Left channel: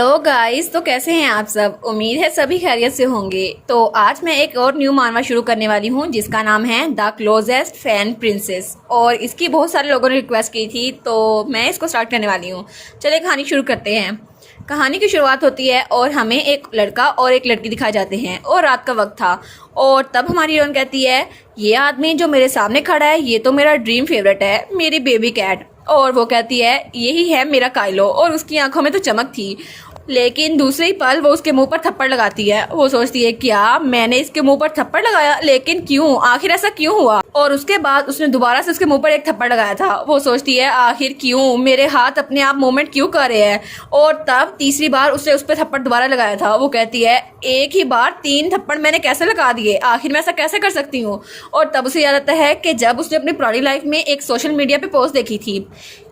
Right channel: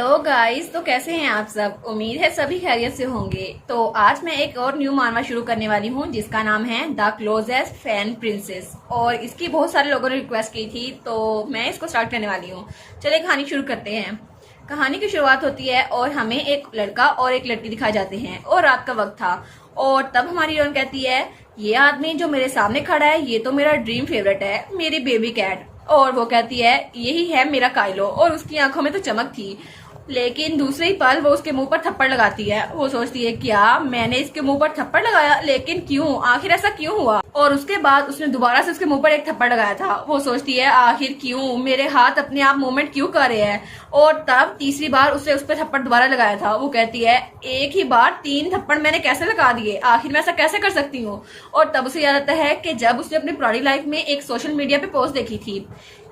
Hello guys, तो कैसे हैं आप सब। उम्मीद है सभी खैरियत से होंगे। तो आज मैं एक और न्यू मानवा शुरू करने वाली हूँ जिसका नाम है द क्लोजेस्ट फैन प्रिंसेस, और इसकी बहुत सारे लोगों ने रिक्वेस्ट की थी तो मैं इसको स्टार्ट करने वाली हूँ। चलिए कहानी शुरू करते हैं। कहानी की शुरुआत होती है और हमें एक लड़का और एक लड़की दिखाए जाते हैं और रात का वक्त था। और तब हमारी हीरोइन कहती है, ये आदमी जो मेरे सामने खड़ा है ये तो मेरा ड्रीम फेवरेट है, मेरी बेबी कैट। और वो कहती है, यही है मेरा काइलो। और उसकी आंखों में तो चमक थी, लेकिन दूसरे ही पल वो उसके मुंह पर थप्पड़ लगाती है। वो सोचती है, क्या मैंने इसके मुंह पर थप्पड़ लगाया, लेकिन क्यों, आखिर ऐसा क्यों हुआ। और उसके बाद उसने दोबारा से उसके मुंह पर एक थप्पड़ लगाया था। वो सोचती है, आखिर क्यों, मेरे हाथ अपने आप मूवमेंट क्यों कर रहे हैं। और तब तीसरी बार उसने उस पर थप्पड़ दोबारा लगाया था। वो कहती है, एक ही बार 3 थप्पड़ मैंने कैसे लगा दिए, आखिर मैं ऐसा कैसे कर सकती हूँ। और तब उसे याद आता है कि जब उसने अपनी पुरानी लाइफ में एक सोशल मीडिया पे पोस्ट देखी थी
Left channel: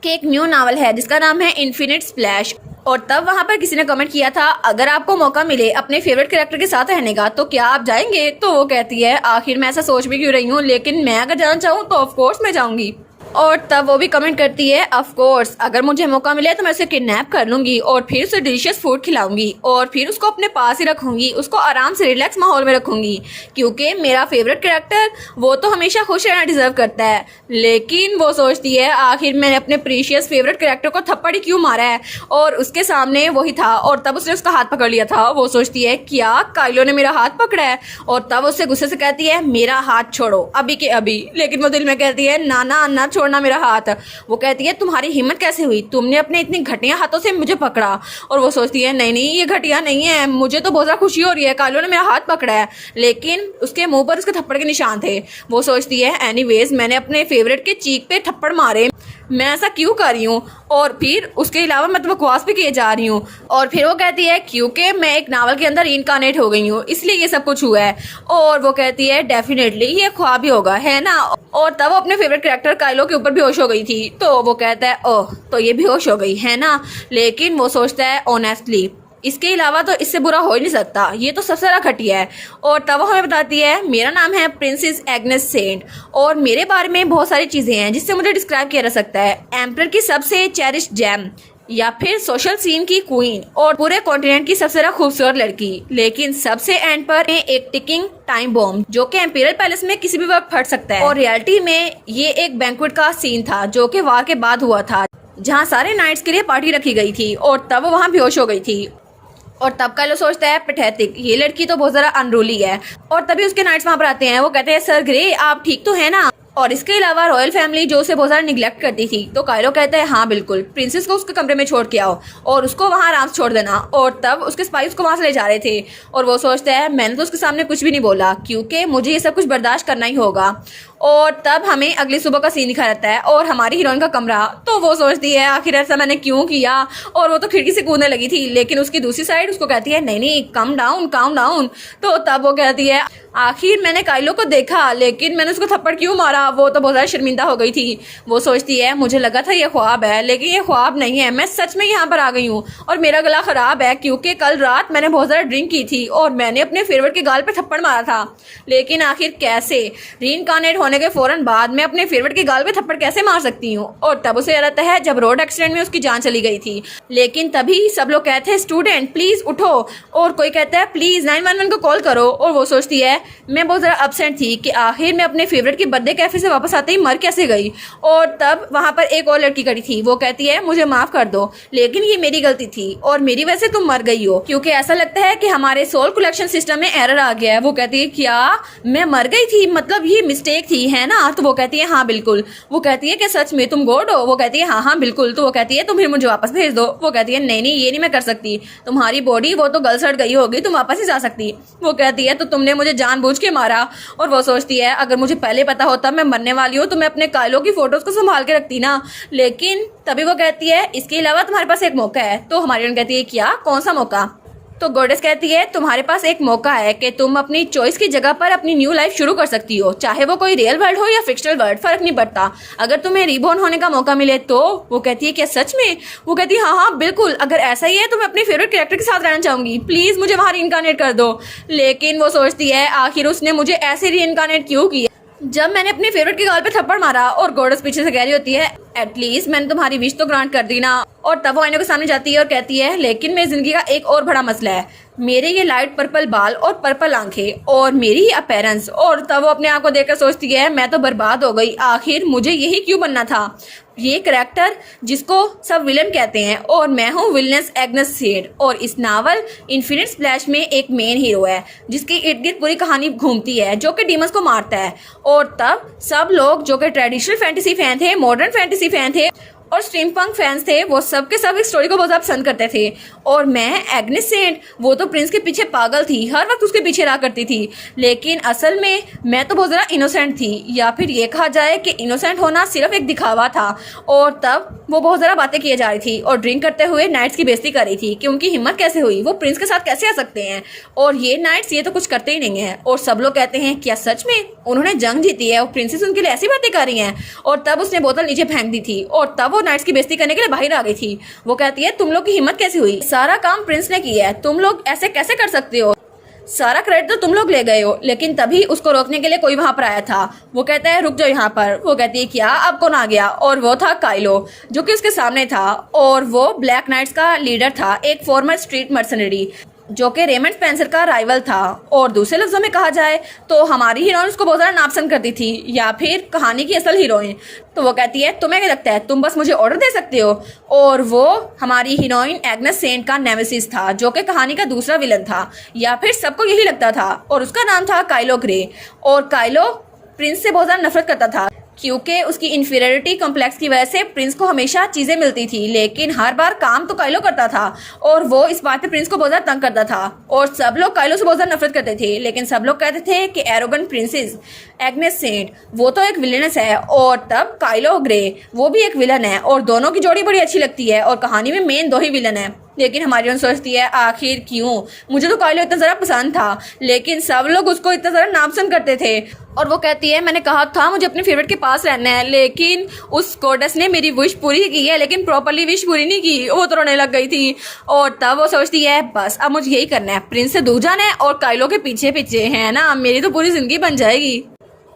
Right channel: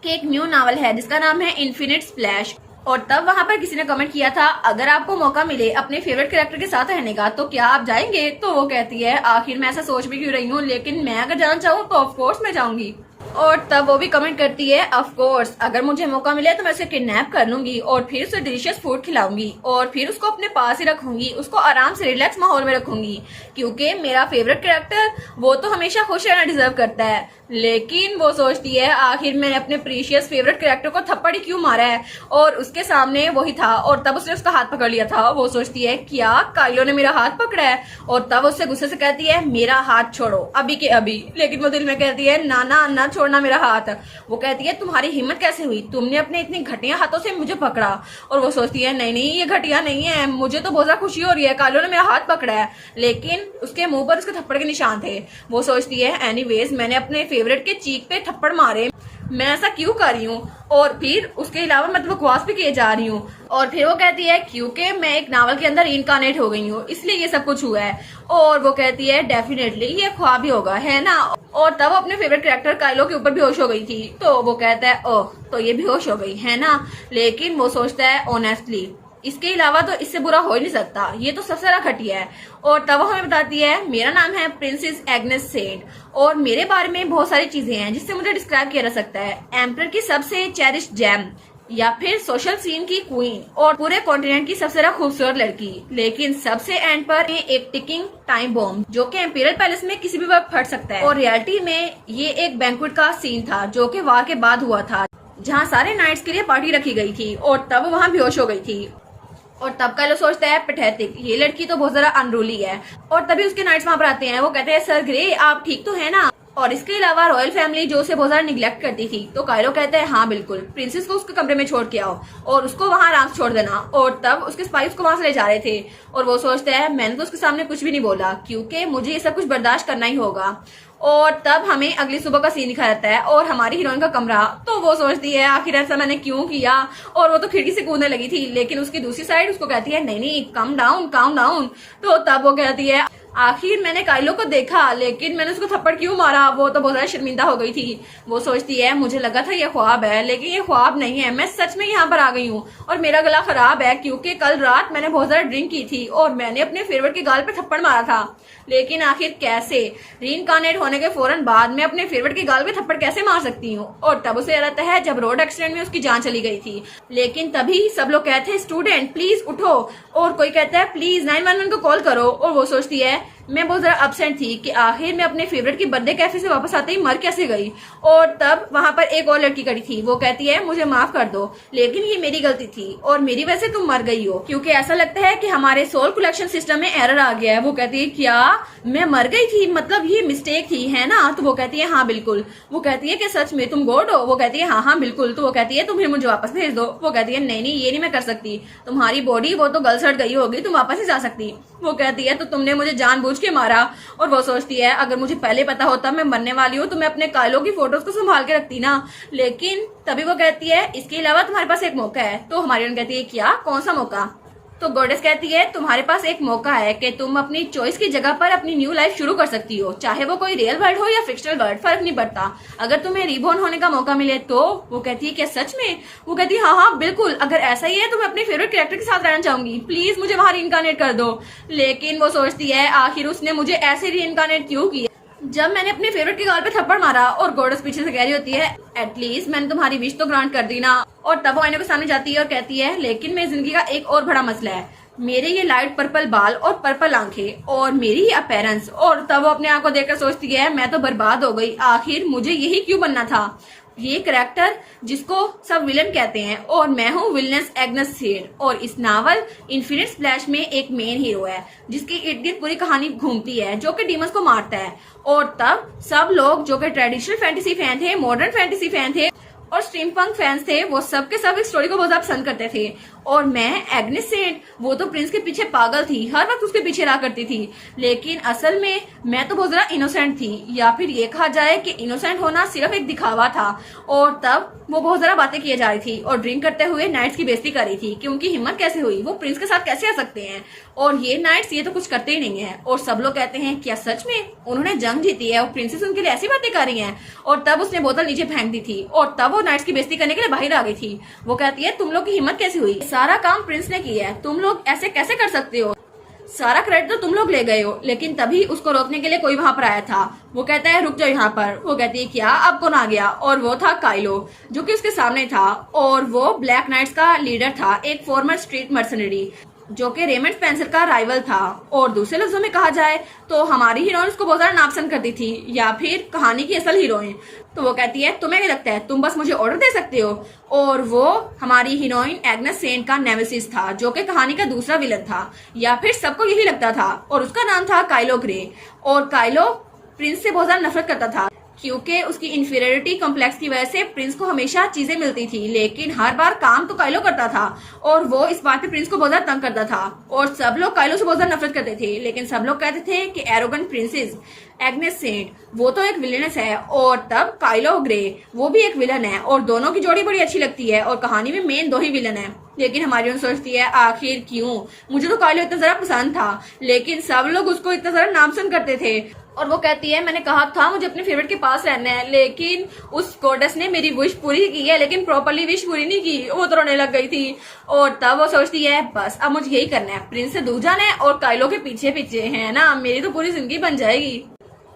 कि एक न्यू नॉवल है जिसका नाम है इन्फिनिट स्प्लैश। और तब वहां पर किसी ने कमेंट किया था, अगर आपको मौका मिले अपने फेवरेट कैरेक्टर के साथ रहने का तो क्या आप जाएंगे। तो वो कहती है, आखिर मैं ऐसा सोच भी क्यों रही हूँ, लेकिन मैं अगर जाना चाहूँ तो ऑफ कोर्स मैं जाऊंगी। और तब वो भी कमेंट करती है, ऑफ कोर्स अगर मुझे मौका मिले तो मैं उसे किडनैप कर लूंगी और फिर उसे डिलीशियस फूड खिलाऊंगी और फिर उसको अपने पास ही रखूंगी, उसको आराम से रिलैक्स माहौल में रखूंगी, क्योंकि मेरा फेवरेट कैरेक्टर वो तो हमेशा खुश रहना डिजर्व करता है। लेकिन वो सोचती है, आखिर मैंने अपने प्रीशियस फेवरेट कैरेक्टर को थप्पड़ ही क्यों मारा है। और उसके सामने वही था और तब उसने उसका हाथ पकड़ लिया था। वो सोचती है, क्या काइलो ने मेरा हाथ पकड़ा है। और तब उससे गुस्से से कहती है, मेरा हाथ छोड़ो अभी के अभी। लेकिन वो दिल में कहती है, ना ना ना छोड़ना मेरा हाथ। वो कहती है, तुम्हारी हिम्मत कैसे हुई, तुमने अपने इतने घटिया हाथों से मुझे पकड़ा। और वो सोचती है, नहीं नहीं ये घटिया नहीं है, मुझे तो बहुत ज्यादा खुशी हो रही है, काइलो ने मेरा हाथ पकड़ा है। लेकिन उसके मुंह पर उसके थप्पड़ के निशान थे। वो सोचती है, एनीवेज मैंने अपने फेवरेट के चीक पे थप्पड़ मारे, मैं ऐसा क्यों कर रही हूँ। और फिर उसके अलावा मैं तो बकवास भी किए जा रही हूँ। और फिर वो कहती है, क्योंकि मैं एक नावल के अंदर इनकारनेट हो गई हूँ इसलिए ये सब कुछ हुआ है। और वो कहती है, डेफिनेटली ये ख्वाब ही होगा, है ना। और तब अपने फेवरेट कैरेक्टर काइलो के ऊपर बेहोश हो गई थी। तो वो कहता है, ओह तो ये बेहोश हो गई है ना। लेकिन वो सोचता है, ऑनेस्टली इसके अलावा तो इससे बुरा हो ही नहीं सकता, ये तो सबसे ज्यादा घटिया है। और तब वो हमें बताती है, मेरा नाम है प्रिंसेस एग्नेस सेंट और मेरे बारे में बहुत सारी चीजें हैं जिससे मुझे डिस्क्राइब किया जा सकता है। एम्पर की सबसे चेरिश जेम, या फिर सोशल सीन की क्वीन, और पूरे कॉन्टिनेंट की सबसे ज्यादा खूबसूरत लड़की। लेकिन सबसे एंड पर एक टिकिंग टाइम बॉम्ब जो कि एम्पीरियल पैलेस में किसी भी वक्त फट सकता है। और रियलिटी में ये एक बैंक्वेट का सीन था जो कि वार के बाद हुआ था, जहाँ सारे नाइट्स के लिए पार्टी रखी गई थी। और तब वो वहाँ बेहोश हो गई थी। और तब काइलो सोचता है, पैथेटिक, ये लड़की तो बहुत ज्यादा अनरूली है। और तभी उसके नाइट्स वहां पर आते हैं। वो कहते हैं, सर ग्रे आप ठीक तो है ना। और इसके अलावा रॉयल फैमिली जो उसे बहुत ज्यादा निग्लेक्ट करती थी। तो काइलो कहता है, हाँ बिल्कुल, प्रिंसेस को उसके कमरे में छोड़ के आओ और उसको वहां आराम से छोड़ देना। और तब उसके स्पाइस को वहां से ले जा रहे थे। और वो सोचता है, मैंने तो उसके सामने कुछ भी नहीं बोला क्योंकि मुझे ये सब कुछ बर्दाश्त करना ही होगा। और तब हमें अगली सुबह का सीन दिखाया जाता है और हमारी हीरोइन का कमरा। तो वो सोचती है, आखिर ऐसा मैंने क्यों किया। और वो तो खिड़की से कूदने लगी थी, लेकिन उसकी दूसरी साइड उसको कहती है, नहीं नहीं कम डाउन काम डाउन। तो तब वो कहती है, आखिर मैंने काइलो को देखा लेकिन मैंने उसको थप्पड़ क्यों मारा। वो तो बहुत ज्यादा शर्मिंदा हो गई थी। वो सोचती है, मुझे लगा था ये ख्वाब है, लेकिन ये ख्वाब नहीं है, मैं सच में यहाँ पर आ गई हूँ। और मेरा गला खराब है क्योंकि कल रात मैंने बहुत ज्यादा ड्रिंक की थी और मैंने अपने फेवरेट के गाल पे थप्पड़ मारा था। लेकिन आखिर कैसे, रीइंकारनेट होने के फौरन बाद मैं अपने फेवरेट के गाल पे थप्पड़ कैसे मार सकती हूँ। और तब उसे याद आता है जब रोड एक्सीडेंट में उसकी जान चली गई थी। लेकिन तभी सब लोग कहते हैं, स्टूडेंट प्लीज उठो। और कोई कहता है, प्लीज 911 को कॉल करो। और वो सोचती है, मैं बहुत ज्यादा अपसेट थी कि आखिर मैं अपने फेवरेट के बर्थडे कैफे से वापस आते ही मर कैसे गई। और तब वहां पर एक और लड़की खड़ी थी। वो कहती है, मुझे माफ कर दो, लेकिन ये मेरी गलती थी और मेरी वजह से तुम मर गई हो, क्योंकि ऐसा लगता है कि हमारे सोल कलेक्शन सिस्टम में एरर आ गया है। वो कहती है, क्या मैं मर गई थी, मतलब ये मिस्टेक थी, है ना। तो वो कहती है, हाँ बिल्कुल। वो कहती है कि सच में तुम गॉड हो। वो कहती है, हाँ हाँ बिल्कुल। तो वो कहती है, तुम फिर मुझे वापस भेज दो। वो कहती है, नहीं नहीं ये नहीं मैं कर सकती, तुम्हारी बॉडी वो तो गल सड़ गई होगी, तुम वापस नहीं जा सकती। वो कहती है, तो तुमने मुझे जानबूझ के मारा। और वो सोचती है, अगर मुझे पहले पता होता मैं मरने वाली हूँ तो मैं अपने काइलो की फोटोज को संभाल के रखती ना। लेकिन तभी वो कहती है, इसके अलावा तुम्हारे पास एक मौका है। तो हमारी कहती है, क्या, कौन सा मौका। तो गॉडेस कहती है, तुम्हारे पास एक मौका है कि तुम अपनी चॉइस की जगह पर अपनी न्यू लाइफ शुरू कर सकती हो, चाहे वो कोई रियल वर्ल्ड हो या फिक्शनल वर्ल्ड, फर्क नहीं पड़ता, अगर तुम्हें रीबॉर्न होने का मौका मिले तो। वो कहती है, क्या सच में। वो कहती है, हाँ हाँ बिल्कुल, अगर ऐसा ही है तो मैं अपने फेवरेट कैरेक्टर के साथ रहना चाहूंगी, प्लीज मुझे वहां रीइंकारनेट कर दो। लेकिन वो सोचती है, आखिर उसने मुझे ऐसे रीइंकारनेट क्यों किया। जब मैंने अपनी फेवरेट के गाल पे थप्पड़ मारा और गॉडेस पीछे से कह रही होती है एटलीस्ट मैंने तुम्हारी विश तो ग्रांट कर दी ना, और तब वो आईने के सामने जाती है और कहती है लेकिन मेरी जिंदगी का एक और बड़ा मसला है, मेरे ये लाइट पर्पल बाल और पर्पल आंखें और मेरी ही अपीयरेंस। और तब वो अपने आप को देखकर सोचती है मैं तो बर्बाद हो गई, आखिर मुझे यही क्यों बनना था, ये करैक्टर जिसको सब विलन कहते हैं, और मैं हूँ विलनेस एग्नेस सेड। और इस नावल इन्फिनिट स्प्लैश में एक मेन हीरो है जिसकी इर्द गिर्द पूरी कहानी घूमती है, जो कि डीमंस को मारता है। और तब सब लोग जो कि ट्रेडिशनल फैंटेसी फैन थे, मॉडर्न फैंटेसी फैन थे और स्टीमपंक फैंस थे, वो सब के सब इस स्टोरी को बहुत ज्यादा पसंद करते थे। और मैं एग्नेस सेड, वो तो प्रिंस के पीछे पागल थी, हर वक्त उसके पीछे रहा करती थी, लेकिन असल में मैं तो बहुत ज्यादा इनोसेंट थी, या फिर ये कहा जाए कि इनोसेंट होना सिर्फ एक दिखावा था। और तब वो बहुत ज्यादा बातें किए जा रही थी और ड्रिंक करते हुए नाइट्स की बेइज्जती कर रही थी कि उनकी हिम्मत कैसे हुई, वो प्रिंस के साथ कैसे आ सकते हैं, और ये नाइट्स ये तो कुछ करते ही नहीं है। और सब लोग कहते हैं क्या सच में उन्होंने जंग जीती है और प्रिंसेस उनके लिए ऐसी बातें कर रही हैं। और तब उसने बोतल नीचे फेंक दी थी और तब वो नाइट्स की बेइज्जती करने के लिए बाहर आ गई थी। वो कहती है तुम लोग की हिम्मत कैसे हुई, सारा काम प्रिंस ने किया है, तुम लोग ऐसे कैसे कर सकते हो, सारा क्रेडिट तो तुम लोग ले गए हो। लेकिन तभी उसको रोकने के लिए कोई वहां पर आया था। वो कहता है रुक जाओ यहाँ पर। वो कहती है क्या अब कौन आ गया, और वो था काइलो जो कि उसके सामने था, और वो ब्लैक नाइट्स का लीडर था, एक फॉर्मर स्ट्रीट मर्सनरी जो कि रेमंड स्पेंसर का राइवल था। और दूसरे लफ्जों में कहा जाए तो हमारी हीरोइन उसको बहुत ज्यादा नापसंद करती थी, या फिर कहानी की असल हीरोइन। तो वो कहती है तुम्हें क्या लगता है तुम बस मुझे ऑर्डर दे सकते हो। और वो हमारी हीरोइन एग्नेस सेंट का नेमेसिस था, जो कि कहानी का दूसरा विलन था, या फिर सबको यही लगता था, और उसका नाम था काइलो ग्रे। और काइलो प्रिंस से बहुत ज्यादा नफरत करता था क्योंकि उसकी इन्फीरियरिटी कॉम्प्लेक्स की वजह से प्रिंस को हमेशा चीजें मिलती थी, लेकिन हर बार काम तो काइलो करता था, और वो इस बात पे प्रिंस को बहुत ज्यादा तंग करता था। और सब लोग काइलो से बहुत ज्यादा नफरत करते थे, लेकिन सब लोग कहते थे कि एरोगेंट प्रिंसेस एग्नेस सेंट वो तो एक विलेनस है, और तब काइलो ग्रे वो भी एक विलन है, और दोनों की जोड़ी बड़ी अच्छी लगती है, और कहानी में मेन दो ही विलन है। लेकिन हमारी उन सोचती है आखिर क्यों, मुझे तो काइलो इतना जरा पसंद था, लेकिन सब लोग उसको इतना जरा नापसंद करते थे। और वो कहती है मैंने कहा था मुझे अपने फेवरेट के पास रहना है, लेकिन उस गॉडेस ने मेरी विश पूरी की है, लेकिन प्रॉपरली विश पूरी नहीं की, वो तो रोने लग गई थी। और तब वो सोचती है बस अब मुझे यही करना है, प्रिंस से दूर जाना है और काइलो के पीछे पीछे है ना, मेरी तो पूरी जिंदगी बन जाएगी।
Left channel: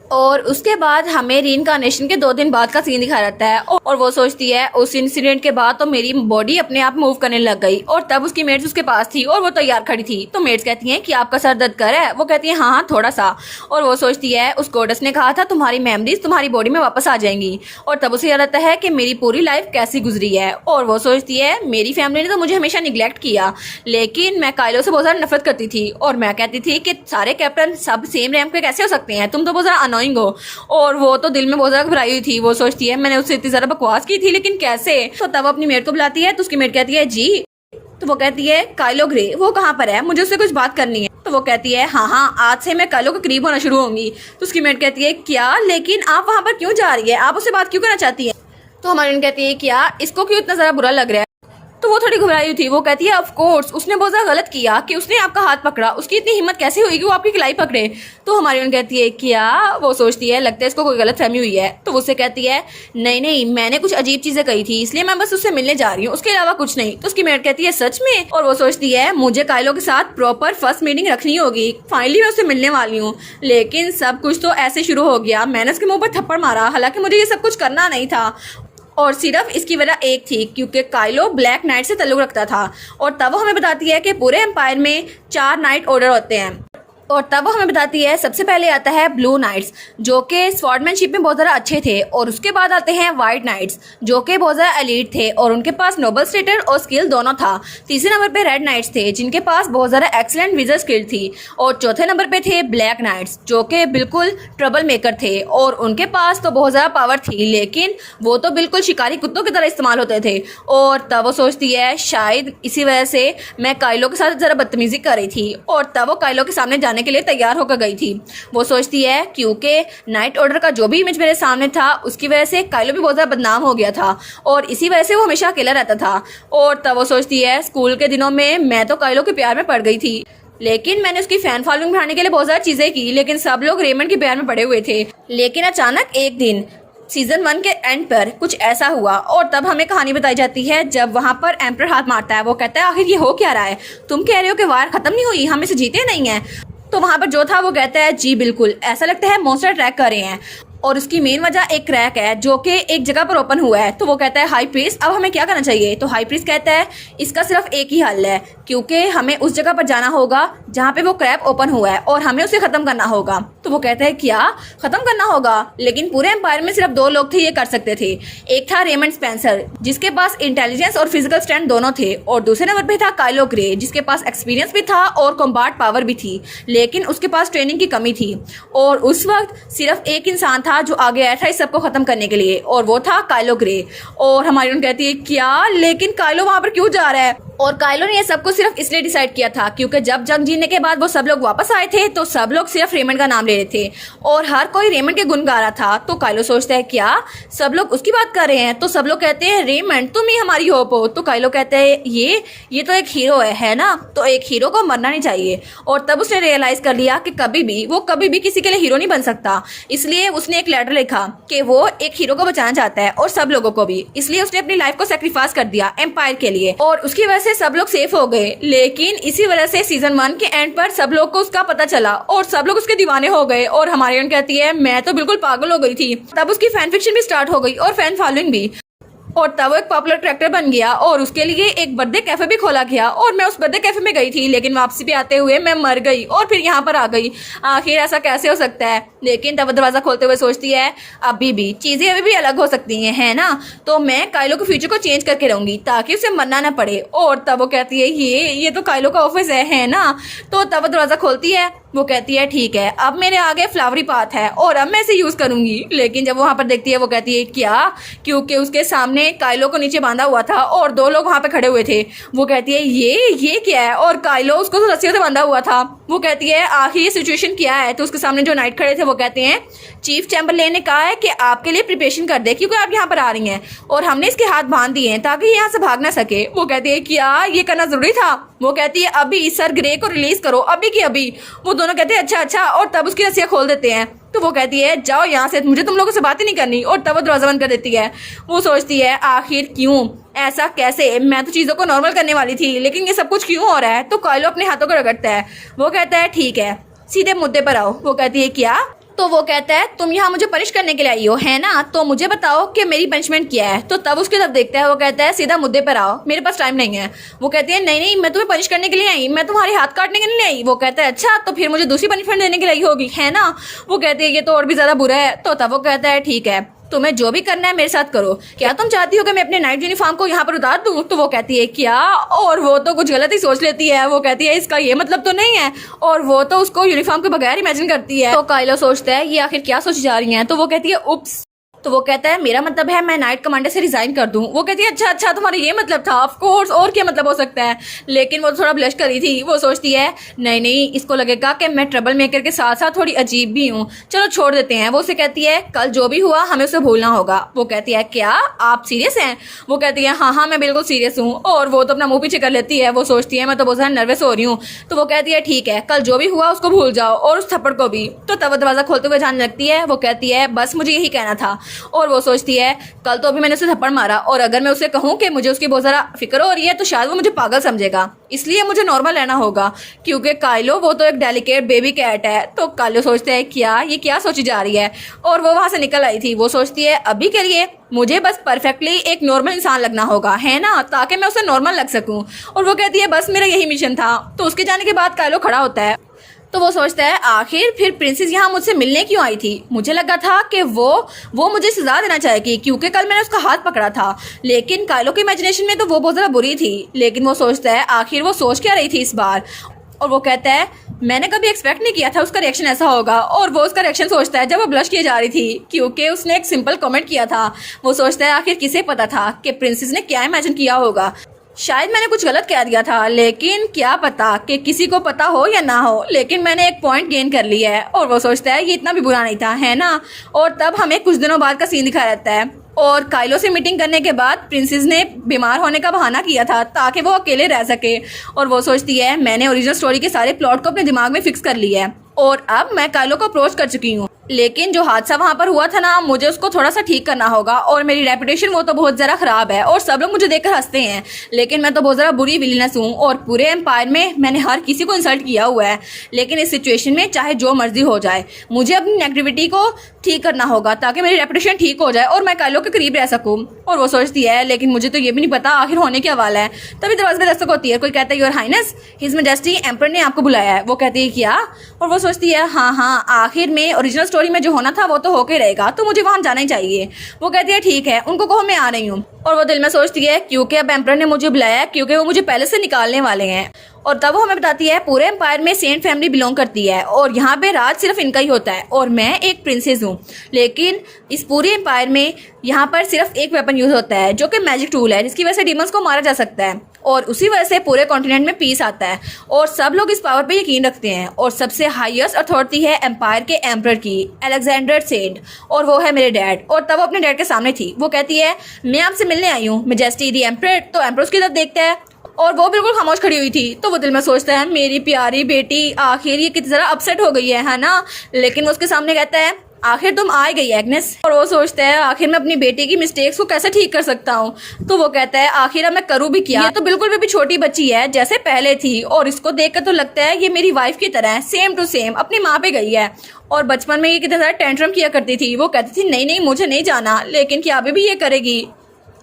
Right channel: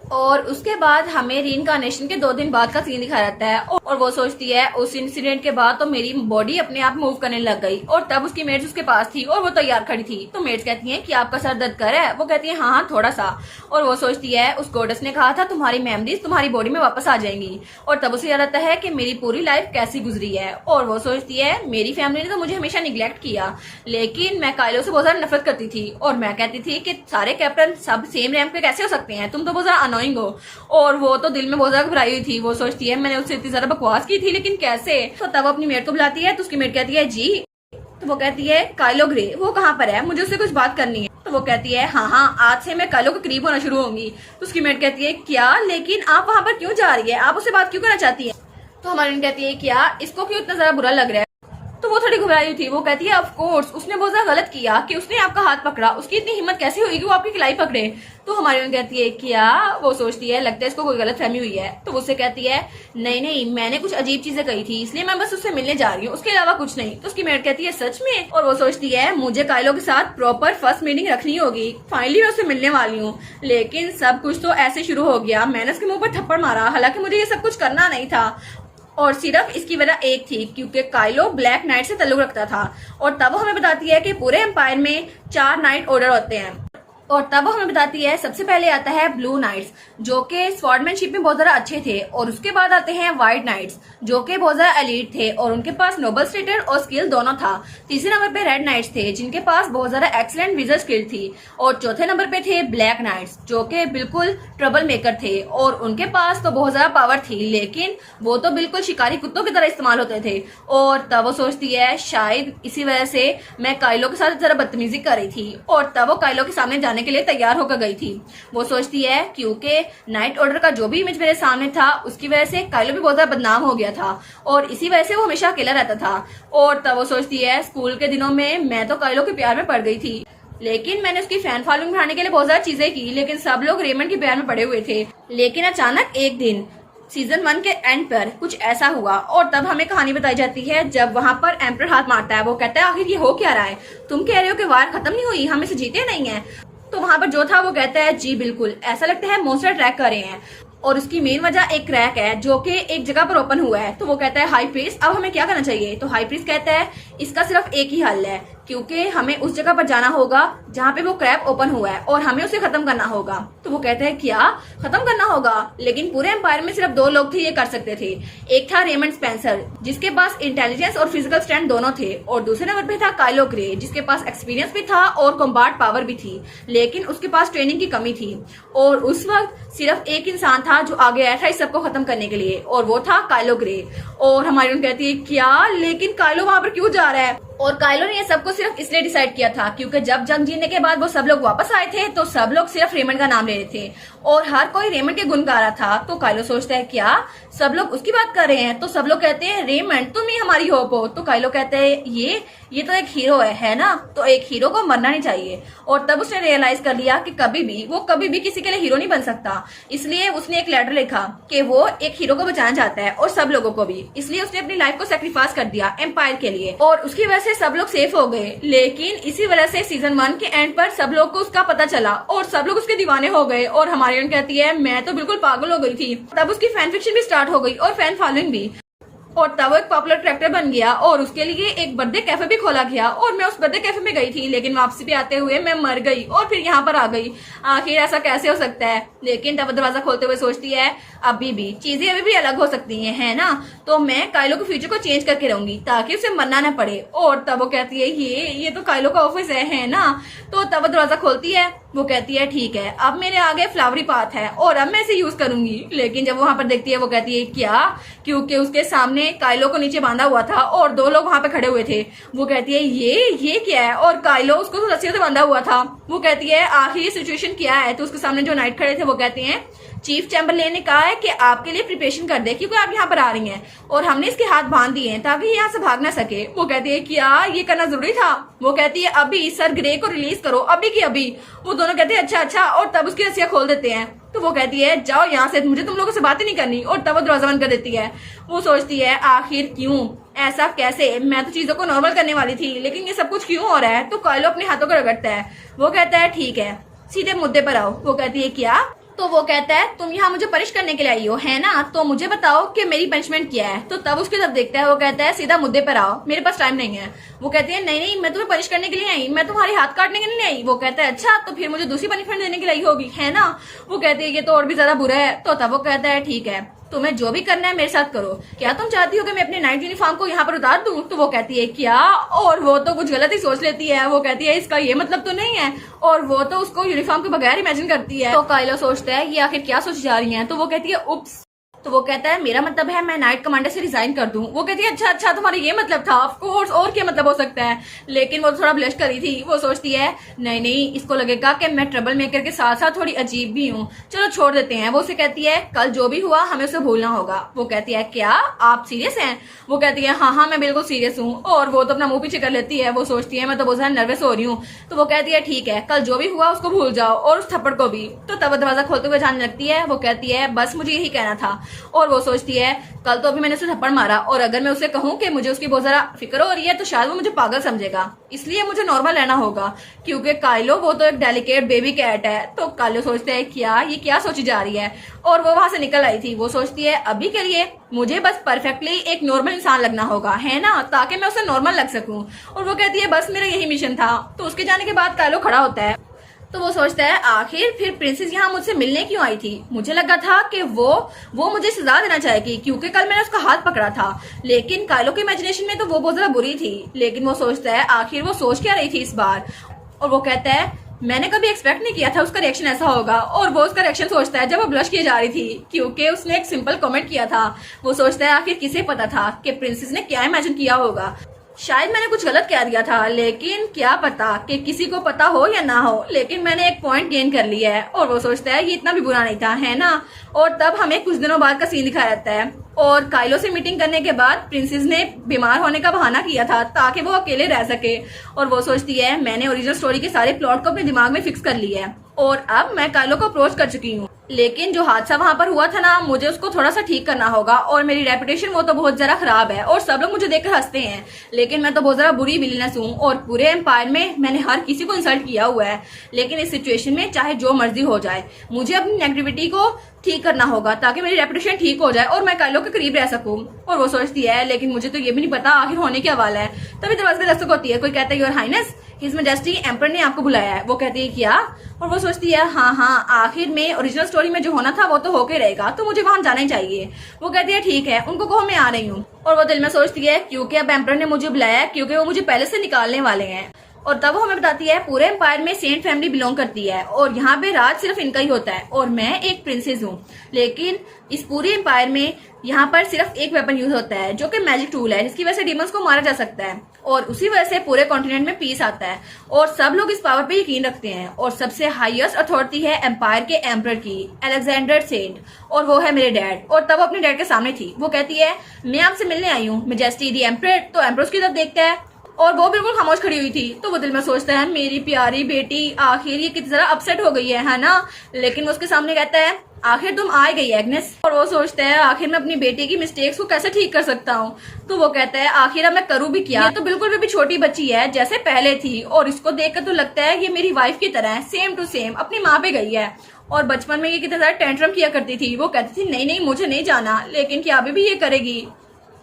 और उसके बाद हमें रीइंकार्नेशन के 2 दिन बाद का सीन दिखाया जाता है, और वो सोचती है उस इंसिडेंट के बाद तो मेरी बॉडी अपने आप मूव करने लग गई। और तब उसकी मेट्स उसके पास थी और वो तैयार खड़ी थी, तो मेट्स कहती हैं कि आपका सर दर्द कर रहा है। वो कहती है हाँ थोड़ा सा। और वो सोचती है उस गॉडेस ने कहा था तुम्हारी मेमोरीज तुम्हारी बॉडी में वापस आ जाएंगी। और तब उसे याद आता है कि मेरी पूरी लाइफ कैसी गुजरी है। और वो सोचती है मेरी फैमिली ने तो मुझे हमेशा निग्लेक्ट किया, लेकिन मैं काइलो से बहुत ज्यादा नफरत करती थी, और मैं कहती थी कि सारे कैप्टन सब सेम रैंक पे कैसे हो सकते हैं, तुम तो बहुत ज्यादा अनोइंग हो। और वो तो दिल में बहुत ज्यादा घबराई हुई थी। वो सोचती है मैंने उससे इतनी ज्यादा बकवास की थी, लेकिन कैसे। तो तब अपनी मेट को बुलाती है, तो उसकी मेट कहती है जी। तो वो कहती है काइलो ग्रे वो कहाँ पर है, मुझे उससे कुछ बात करनी है। तो वो कहती है हाँ आज से मैं काइलो के करीब होना शुरू होंगी। तो उसकी मेट कहती है क्या, लेकिन आप वहाँ पर क्यों जा रही है, आप उससे बात क्यों करना चाहती है। तो हमारी कहती है क्या इसको क्यों इतना ज्यादा बुरा लग रहा है। तो वो थोड़ी घबराई हुई थी। वो कहती है ऑफ कोर्स उसने बहुत ज्यादा गलत किया कि उसने आपका हाथ पकड़ा, उसकी इतनी हिम्मत कैसे हुई कि वो आपकी कलाई पकड़े। तो हमारी उन कहती है क्या, वो सोचती है लगता है इसको कोई गलत फहमी हुई है। तो उससे कहती है नहीं मैंने कुछ अजीब चीजें कही थी इसलिए मैं बस उससे मिलने जा रही हूँ, उसके अलावा कुछ नहीं। तो उसकी मेट कहती है सच में। और वो सोचती है मुझे काइलो के साथ प्रॉपर फर्स्ट मीटिंग रखनी होगी, फाइनली मैं उससे मिलने वाली हूँ। लेकिन सब कुछ तो ऐसे शुरू हो गया, मैंने उसके मुंह पर थप्पड़ मारा, हालांकि मुझे ये सब कुछ करना नहीं था, और सिर्फ इसकी वजह एक थी क्योंकि काइलो ब्लैक नाइट से ताल्लुक रखता था। और तब वो हमें बताती है कि पूरे एम्पायर में 4 नाइट ऑर्डर होते हैं। और तब वो हमें बताती है सबसे पहले आता है ब्लू नाइट्स जो कि स्वॉर्डमैनशिप में बहुत ज़्यादा अच्छे थे, और उसके बाद आते हैं व्हाइट नाइट्स जो कि बहुत ज़्यादा एलीट थे और उनके पास नोबल स्टेटस और स्किल दोनों था। तीसरे नंबर पे रेड नाइट्स थे जिनके पास बहुत ज़्यादा एक्सीलेंट विजर स्किल थी, और चौथे नंबर पे थे ब्लैक नाइट्स जो कि बिल्कुल ट्रबल मेकर थे और उनके पास तो बहुत ज़्यादा पावर थी, लेकिन वो तो बिल्कुल शिकारी कुत्तों की तरह इस्तेमाल होते थे। और तब वो सोचती है शायद इसी वजह से मैं काइलो के साथ ज़रा बदतमीजी कर रही थी, और तब वो काइलो के सामने जाने के लिए तैयार होकर गई थी। वो सोचती है क्योंकि नाइट ऑर्डर का जो भी इमेज मेरे सामने था उसकी वजह से काइलो भी बहुत ज्यादा बदनाम हो गया था, और इसी वजह से वो हमेशा अकेला रहता था। और तब वो सोचती है स्कूल के दिनों में मैं तो काइलो के प्यार में पड़ गई थी, लेकिन मैंने उसकी फैन फॉलोइंग बढ़ाने के लिए बहुत ज्यादा चीजें की, लेकिन सब लोग रेमंड के प्यार में पड़े हुए थे। लेकिन अचानक एक दिन सीजन 1 के एंड पर कुछ ऐसा हुआ, और तब हमें कहानी बताई जाती है जब वहां पर एम्पर हाथ मारता है। वो कहता है आखिर ये हो क्या रहा है, तुम कह रहे हो कि वार खत्म नहीं हुई, हम इसे जीते नहीं है। तो वहां पर जो था वो कहता है जी बिल्कुल, ऐसा लगता है मॉन्स्टर अटैक कर रहे हैं और उसकी मेन वजह एक क्रैक है जो कि एक जगह पर ओपन हुआ है। तो वो कहता है हाई प्रीस्ट अब हमें क्या करना चाहिए। तो हाई प्रीस्ट कहता है इसका सिर्फ एक ही हल है, क्योंकि हमें उस जगह पर जाना होगा जहाँ पे वो क्रैक ओपन हुआ है और हमें उसे खत्म करना होगा। तो वो कहता है क्या खत्म करना होगा, लेकिन पूरे एम्पायर में सिर्फ 2 लोग थे ये कर सकते थे। एक था रेमंड स्पेंसर जिसके पास इंटेलिजेंस और फिजिकल स्ट्रेंथ दोनों थे, और दूसरे नंबर पे था काइलो ग्रे जिसके पास एक्सपीरियंस भी था और कॉम्बैट पावर भी थी, लेकिन उसके पास ट्रेनिंग की कमी थी। और उस वक्त सिर्फ एक इंसान था जो आगे आया था इस सबको खत्म करने के लिए, और वो था काइलो ग्रे। और हमारी कहती है क्या, लेकिन काइलो वहां पर क्यों जा रहा है। और काइलो ने ये सब कुछ सिर्फ इसलिए डिसाइड किया था क्योंकि जब जंग जीतने के बाद वो सब लोग वापस आए थे तो सब लोग सिर्फ रेमंड का नाम ले रहे थे और हर कोई रेमंड के गुण गा रहा था। तो काइलो सोचता है क्या सब लोग उसकी बात कर रहे हैं। तो सब लोग कहते हैं रेमंड तुम ही हमारी होप हो। तो काइलो कहता है ये तो एक हीरो है ना, तो एक हीरो को मरना नहीं चाहिए। और तब उसने रियलाइज कर लिया कि कभी भी किसी के लिए हीरो नहीं बन सकता, इसलिए उसने एक लेटर लिखा कि वो एक हीरो को बचाना चाहता है और सब लोगों को भी, इसलिए उसने अपनी लाइफ को सेक्रीफाइस कर दिया एम्पायर के लिए और उसकी वजह से सब लोग सेफ हो गए। लेकिन इसी वजह से सीजन 1 के एंड पर सब लोग को उसका पता चला और सब लोग उसके दीवाने हो गए। और हमारी कहती है मैं तो बिल्कुल पागल हो गई थी। तब उसकी फैन फिक्शन भी स्टार्ट हो गई और फैन फॉलोइंग भी, और तब वो एक पॉपुलर कैरेक्टर बन गया और उसके लिए एक बर्थडे कैफे भी खोला गया। और मैं उस बर्थडे कैफे में गई थी, लेकिन वापसी पे आते हुए मैं मर गई और फिर यहाँ पर आ गई। आखिर ऐसा कैसे हो सकता है। लेकिन तब दरवाजा खोलते हुए सोचती है अभी भी चीजें अभी भी अलग हो सकती हैं, है ना, तो मैं काइलो के फ्यूचर को चेंज करके रहूंगी ताकि उसे मरना ना पड़े। और तब वो कहती है ये तो काइलो का ऑफिस है ना। तो तब दरवाजा खोलती है, वो कहती है ठीक है अब मेरे आगे फ्लावरी पाथ है और अब मैं इसे यूज करूंगी। लेकिन जब वो वहां पर देखती है वो कहती है क्या, क्योंकि उसके सामने काइलो को नीचे बांधा हुआ था और 2 लोग वहां पे खड़े हुए थे। वो कहती है ये क्या है, और काइलो उसको तो रस्सियों से बांधा हुआ था। वो कहती है आखिर ये सिचुएशन क्या है। तो उसके सामने जो नाइट खड़े थे वो कहते हैं चीफ चैम्बरलेन ने कहा है कि आपके लिए प्रिपरेशन कर दे क्योंकि आप यहाँ पर आ रही हैं और हमने इसके हाथ बांध दिए हैं ताकि ये यहाँ से भाग ना सके। वो कहती है क्या ये करना जरूरी था। वो कहती है अभी सर ग्रे को रिलीज करो अभी की अभी। वो दोनों कहते हैं अच्छा, और तब उसकी रस्सियां खोल देते हैं। तो वो कहती है जाओ यहाँ से, मुझे तुम लोगों से बात ही नहीं करनी, और तब वो दरवाजा बंद कर देती है। वो सोचती है आखिर क्यों, ऐसा कैसे, मैं तो चीजों को नॉर्मल करने वाली थी लेकिन ये सब कुछ क्यों हो रहा है। तो काइलो अपने हाथों को रगड़ता है। वो कहता है ठीक है सीधे मुद्दे पर आओ। वो कहती है क्या। तो वो कहता है तुम यहाँ मुझे पनिश करने के लिए आई हो है ना, तो मुझे बताओ कि मेरी पनिशमेंट क्या है। तो तब उसकी तरफ देखता है, वो कहता है सीधा मुद्दे पर आओ, मेरे पास टाइम नहीं है। वो कहती है नहीं मैं तुम्हें पनिश करने के लिए आई, मैं तुम्हारे हाथ काटने के लिए आई। वो कहता है अच्छा तो फिर मुझे दूसरी पनिशमेंट देने के लिए आई होगी है ना। वो कहती है ये तो और भी ज्यादा बुरा है। तो तब वो कहता है ठीक है तुम्हें जो भी करना है मेरे साथ करो, क्या तुम चाहती हो कि मैं अपने नाइट यूनिफॉर्म को यहाँ पर उतार दूं। तो वो कहती है क्या, और वो तो कुछ गलत ही सोच लेती है। वो कहती है इसका ये मतलब तो नहीं है, और वो तो उसको यूनिफॉर्म के बगैर इमेजिन करती है। तो काइलो सोचता है ये आखिर क्या सोच जा रही है। तो वो कहती है उप्स। तो वो कहता है मेरा मतलब है मैं नाइट कमांडर से रिजाइन कर दूं। वो कहती है अच्छा तुम्हारा ये मतलब था, ऑफ कोर्स और क्या मतलब हो सकता है। लेकिन वो थोड़ा ब्लश करी थी। वो सोचती है नहीं इसको लगेगा कि मैं ट्रबल मेकर के साथ साथ थोड़ी अजीब भी हूँ, चलो छोड़ देते हैं। वो उसे कहती है कल जो भी हुआ हमें उसे भूलना होगा। वो कहती है क्या आप सीरियस हैं। वो कहती है हाँ मैं बिल्कुल सीरियस हूँ। और वो तो अपना मुंह पीछे कर लेती है। वो सोचती है मैं तो बहुत ज्यादा नर्वस हो रही हूँ। तो वो कहती है ठीक है कल जो भी हुआ उसको भूल जाओ और उस थप्पड़ को भी। तो तब दरवाजा खोलते हुए जाने लगती है। वो कहती है बस मुझे यही कहना था। और वो सोचती है कल तो अभी मैंने उसे थप्पड़ मारा और अगर मैं उसे कहूं कि मुझे उसकी बहुत ज्यादा फिक्र हो रही है तो शायद वो मुझे पागल समझेगा, इसलिए मुझे नॉर्मल रहना होगा क्योंकि काइलो वो तो एक डेलिकेट बेबी कैट है। तो काइलो सोचते है क्या सोची जा रही है, और वो वहां से निकल आई थी। वो सोचती है अभी के लिए मुझे बस परफेक्टली एक नॉर्मल इंसान लगना होगा है ना, ताकि मैं उसे नॉर्मल लग सकूं। और वो कहती है बस मेरा यही मिशन था। तो उसके जाने के बाद काइलो खड़ा होता है। तो वो सोचता है आखिर फिर प्रिंसेस यहाँ मुझसे मिलने क्यों आई थी। मुझे लगा था कि वो मुझे सजा देना चाहेगी क्योंकि कल मैंने उसका हाथ पकड़ा था, लेकिन काइलो की इमेजिनेशन में तो वो बहुत ज्यादा बुरी थी। लेकिन वो सोचता है आखिर वो सोच क्या रही थी इस बार। और वो कहता है मैंने कभी एक्सपेक्ट नहीं किया था उसका रिएक्शन ऐसा होगा। और वो उसका रिएक्शन सोचता है जब वो ब्लश किए जा रही थी क्योंकि उसने एक सिंपल कमेंट किया था। वो सोचता है आखिर किसे पता था कि प्रिंसेस ने क्या इमेजिन किया होगा। शायद मैंने कुछ गलत कह दिया था, लेकिन क्या पता कि किसी को पता हो या ना हो, लेकिन मैंने एक पॉइंट गेन कर लिया है। और वो सोचता है ये इतना भी बुरा नहीं था है ना। और तब हमें कुछ दिनों बाद का सीन दिखाया जाता है और काइलो से मीटिंग करने के बाद प्रिंसेस ने बीमार होने का बहाना किया था ताकि वो अकेले रह सके। और वो सोचती है मैंने ओरिजिनल स्टोरी के सारे प्लॉट को अपने दिमाग में फिक्स कर लिया है और अब मैं काइलो को अप्रोच कर चुकी हूँ। लेकिन जो हादसा वहां पर हुआ था ना, मुझे उसको थोड़ा सा ठीक करना होगा और मेरी रेपुटेशन वो तो बहुत ज़रा खराब है और सब लोग मुझे देखकर हंसते हैं, लेकिन मैं तो बहुत ज़रा बुरी विलीनस हूँ और पूरे एम्पायर में मैंने हर किसी को इंसल्ट किया हुआ है। लेकिन इस सिचुएशन में चाहे जो मर्जी हो जाए, मुझे अपनी नेगेटिविटी को ठीक करना होगा ताकि मेरी रेपुटेशन ठीक हो जाए और मैं काइलो के करीब रह सकूं। और वो सोचती है लेकिन मुझे तो ये भी नहीं पता आखिर होने क्या वाला है। तभी दरवाजे में दस्तक होती है, कोई कहता है your highness, his majesty emperor ने आपको बुलाया है। वो कहती है क्या? और वो सोचती है हाँ हाँ, आखिर में ओरिजिनल स्टोरी में जो होना था वो तो होके रहेगा, तो मुझे वहां जाना ही चाहिए। वो कहती है ठीक है, उनको कहो मैं आ रही हूँ। और वो दिल में सोचती है क्योंकि अब एम्पर ने मुझे बुलाया, क्योंकि वो मुझे पहले से निकालने वाले हैं। और तब वो हमें बताती है पूरे एम्पायर में सेंट फैमिली बिलोंग करती है और यहाँ पे राज सिर्फ इनका ही होता है और मैं एक प्रिंसेस हूँ। लेकिन इस पूरे एम्पायर में यहाँ पर सिर्फ एक वेपन यूज होता है जो कि मैजिक टूल है, जिसकी वजह से डीमंस को मारा जा सकता है और उसी वजह से पूरे कॉन्टिनेंट में पीस आता है और सब लोग इस पावर पे यकीन रखते हैं। और सबसे हाईएस्ट अथॉरिटी है एम्पायर के एम्परर की, अलेक्जेंडर सेंट, और वो है मेरे डैड। और तब वो अपने डैड के सामने थी। वो कहती है मैं आपसे मिलने आई हूँ मैजेस्टी दी एम्परर। तो एम्परर उसकी तरफ देखता है और वो बिल्कुल खामोश खड़ी हुई थी। तो वो दिल में सोचता है मेरी प्यारी बेटी आखिर ये कितनी जरा अपसेट हो गई है ना। लेकिन वो उसके सामने कहता है आखिर तुम आ गई एग्नेस। और वो सोचता है आखिर मैं अपनी बेटी की मिस्टेक्स को कैसे ठीक कर सकता हूँ। तो वो कहता है आखिर अब मैं करूँ भी क्या, ये तो बिल्कुल भी छोटी बच्ची है जैसे पहले थी और इसको देखकर तो लगता है ये मेरी वाइफ की तरह है, सेम टू सेम अपनी माँ पे गई है। और बचपन में ये कितनी ज्यादा टेंट्रम किया करती थी। वो कहती थी नहीं नहीं मुझे नहीं जाना, लेकिन क्या अभी भी ये करेगी।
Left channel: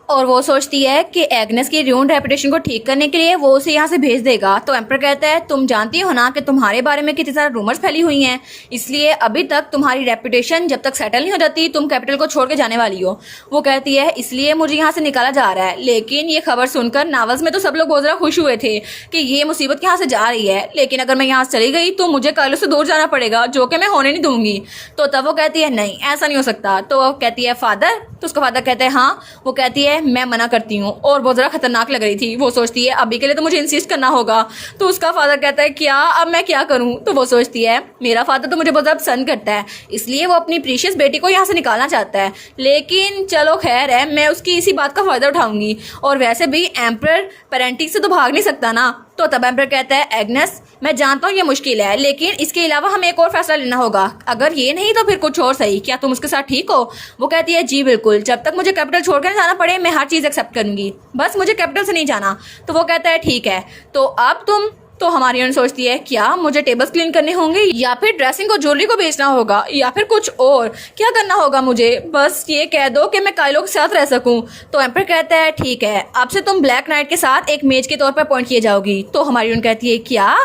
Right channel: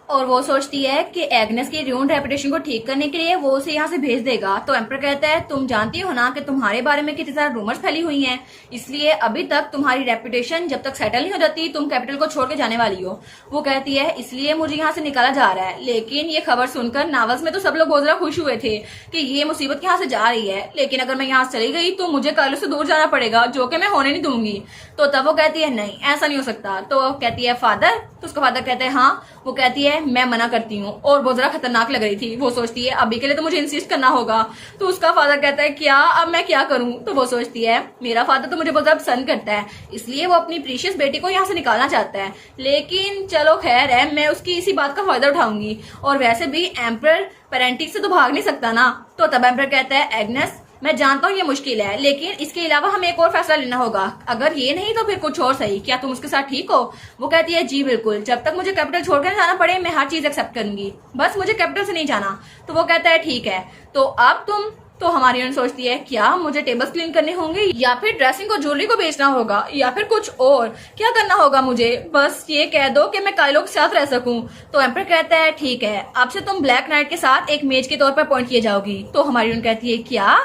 और वो सोचती है कि एग्नेस की र्यून्ड रेपुटेशन को ठीक करने के लिए वो उसे यहाँ से भेज देगा। तो एम्पर कहता है तुम जानती हो ना कि तुम्हारे बारे में कितनी सारी रूमर्स फैली हुई हैं, इसलिए अभी तक तुम्हारी रेपुटेशन जब तक सेटल नहीं हो जाती तुम कैपिटल को छोड़ के जाने वाली हो। वो कहती है इसलिए मुझे यहाँ से निकाला जा रहा है। लेकिन ये खबर सुनकर नावल्स में तो सब लोग बहुत ज्यादा खुश हुए थे कि ये मुसीबत यहाँ से जा रही है, लेकिन अगर मैं यहाँ से चली गई तो मुझे काइलो से दूर जाना पड़ेगा, जो कि मैं होने नहीं दूंगी। तो तब वो कहती है नहीं ऐसा नहीं हो सकता। तो वो कहती है फादर। तो उसका फादर कहता है हाँ। वो कहती है मैं मना करती हूँ और बहुत ज़्यादा खतरनाक लग रही थी। वो सोचती है अभी के लिए तो मुझे इंसिस्ट करना होगा। तो उसका फादर कहता है क्या अब मैं क्या करूँ। तो वो सोचती है मेरा फादर तो मुझे बहुत ज़्यादा पसंद करता है, इसलिए वो अपनी प्रीशियस बेटी को यहाँ से निकालना चाहता है। लेकिन चलो खैर है, मैं उसकी इसी बात का फायदा उठाऊंगी। और वैसे भी एम्परर पेरेंटिक से तो भाग नहीं सकता ना। तो तब एम्परर कहता है एग्नेस मैं जानता हूँ ये मुश्किल है, लेकिन इसके अलावा हमें एक और फैसला लेना होगा। अगर ये नहीं तो फिर कुछ और सही, क्या तुम उसके साथ ठीक हो। वो कहती है जी बिल्कुल, जब तक मुझे कैपिटल छोड़कर जाना पड़े मैं हर चीज एक्सेप्ट करूंगी, बस मुझे कैपिटल से नहीं जाना। तो वो कहता है ठीक है। तो अब तुम तो हमारी यूनियन सोचती है क्या मुझे टेबल्स क्लीन करने होंगे या फिर ड्रेसिंग को ज्वेलरी को बेचना होगा या फिर कुछ और क्या करना होगा मुझे, बस ये कह दो कि मैं काइलो के साथ रह सकूं। तो एम्पर कहता है ठीक है, अब से तुम ब्लैक नाइट के साथ एक मेज के तौर पर अपॉइंट किए जाओगी। तो हमारी यूनियन कहती है क्या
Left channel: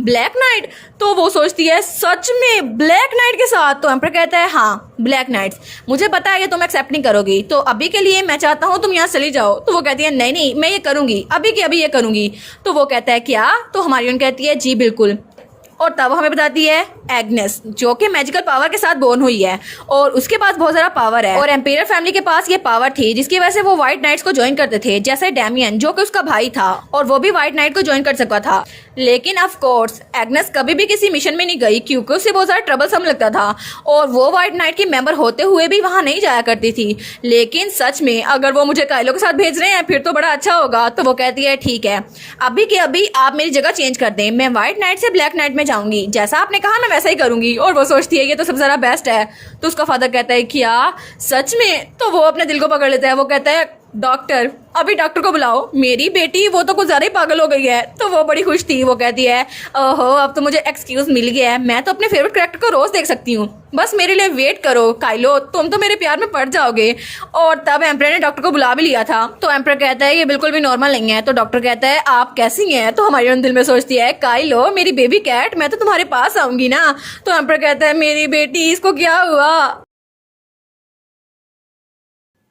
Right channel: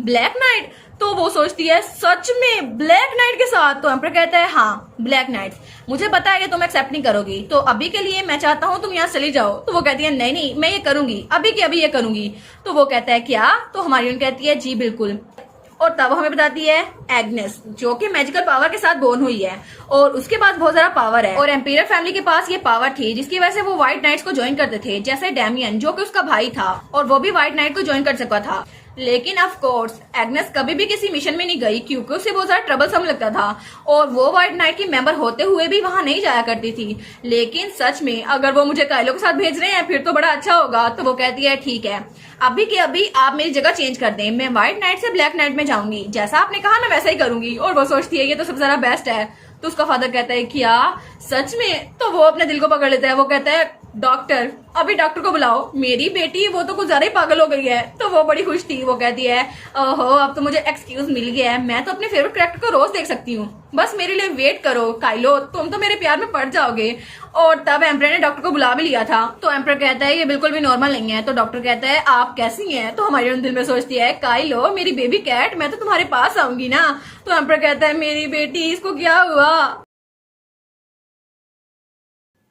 ब्लैक नाइट। तो वो सोचती है सच में ब्लैक नाइट के साथ। तो एम्पर कहता है हाँ ब्लैक नाइट्स, मुझे पता है ये तुम एक्सेप्ट नहीं करोगी, तो अभी के लिए मैं चाहता हूँ तुम यहाँ चली जाओ। तो वो कहती है नहीं नहीं मैं ये करूंगी, अभी के अभी ये करूंगी। तो वो कहता है क्या। तो हमारी कहती है जी बिल्कुल। और तब हमें बताती है एग्नेस जो कि मैजिकल पावर के साथ बोर्न हुई है और उसके पास बहुत सारा पावर है और एम्पायर फैमिली के पास ये पावर थी जिसकी वजह से वो व्हाइट नाइट्स को ज्वाइन करते थे, जैसे डैमियन जो कि उसका भाई था और वो भी व्हाइट नाइट को ज्वाइन कर सकता था। लेकिन ऑफ कोर्स एग्नेस कभी भी किसी मिशन में नहीं गई क्योंकि उसे बहुत सारा ट्रबल सम लगता था और वो व्हाइट नाइट की मेंबर होते हुए भी वहां नहीं जाया करती थी। लेकिन सच में अगर वो मुझे काइलो के साथ भेज रहे हैं फिर तो बड़ा अच्छा होगा। तो वो कहती है ठीक है, अभी के अभी आप मेरी जगह चेंज कर दें, मैं व्हाइट नाइट से ब्लैक नाइट में जाऊंगी, जैसा आपने कहा मैं वैसा ही करूंगी। और वो सोचती है ये तो सबसे ज्यादा बेस्ट है। तो उसका फादर कहता है क्या सच में। तो वो अपने दिल को पकड़ लेता है। वो कहता है डॉक्टर, अभी डॉक्टर को बुलाओ, मेरी बेटी वो तो कुछ ज्यादा ही पागल हो गई है। तो वो बड़ी खुश थी। वो कहती है ओहो अब तो मुझे एक्सक्यूज मिल गया है, मैं तो अपने फेवरेट कैरेक्टर को रोज देख सकती हूँ, बस मेरे लिए वेट करो काइलो, तुम तो मेरे प्यार में पड़ जाओगे। और तब एम्पर ने डॉक्टर को बुला भी लिया था। तो एम्पर कहता है ये बिल्कुल भी नॉर्मल नहीं है। तो डॉक्टर कहता है आप कैसी हैं। तो हमारे दिल में सोचती है काइलो मेरी बेबी कैट, मैं तो तुम्हारे पास आऊंगी ना। तो एम्पर कहता है मेरी बेटी इसको क्या हुआ।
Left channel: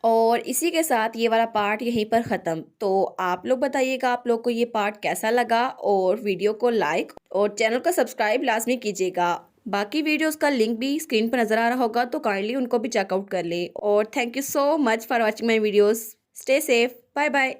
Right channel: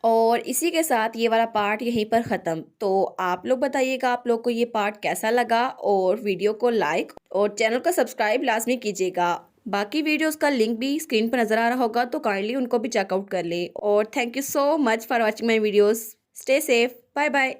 और इसी के साथ ये वाला पार्ट यहीं पर ख़त्म। तो आप लोग बताइएगा आप लोग को ये पार्ट कैसा लगा और वीडियो को लाइक और चैनल को सब्सक्राइब लाजमी कीजिएगा। बाकी वीडियोस का लिंक भी स्क्रीन पर नज़र आ रहा होगा तो काइंडली उनको भी चेकआउट कर ले। और thank you so much for watching my videos. Stay safe, bye bye.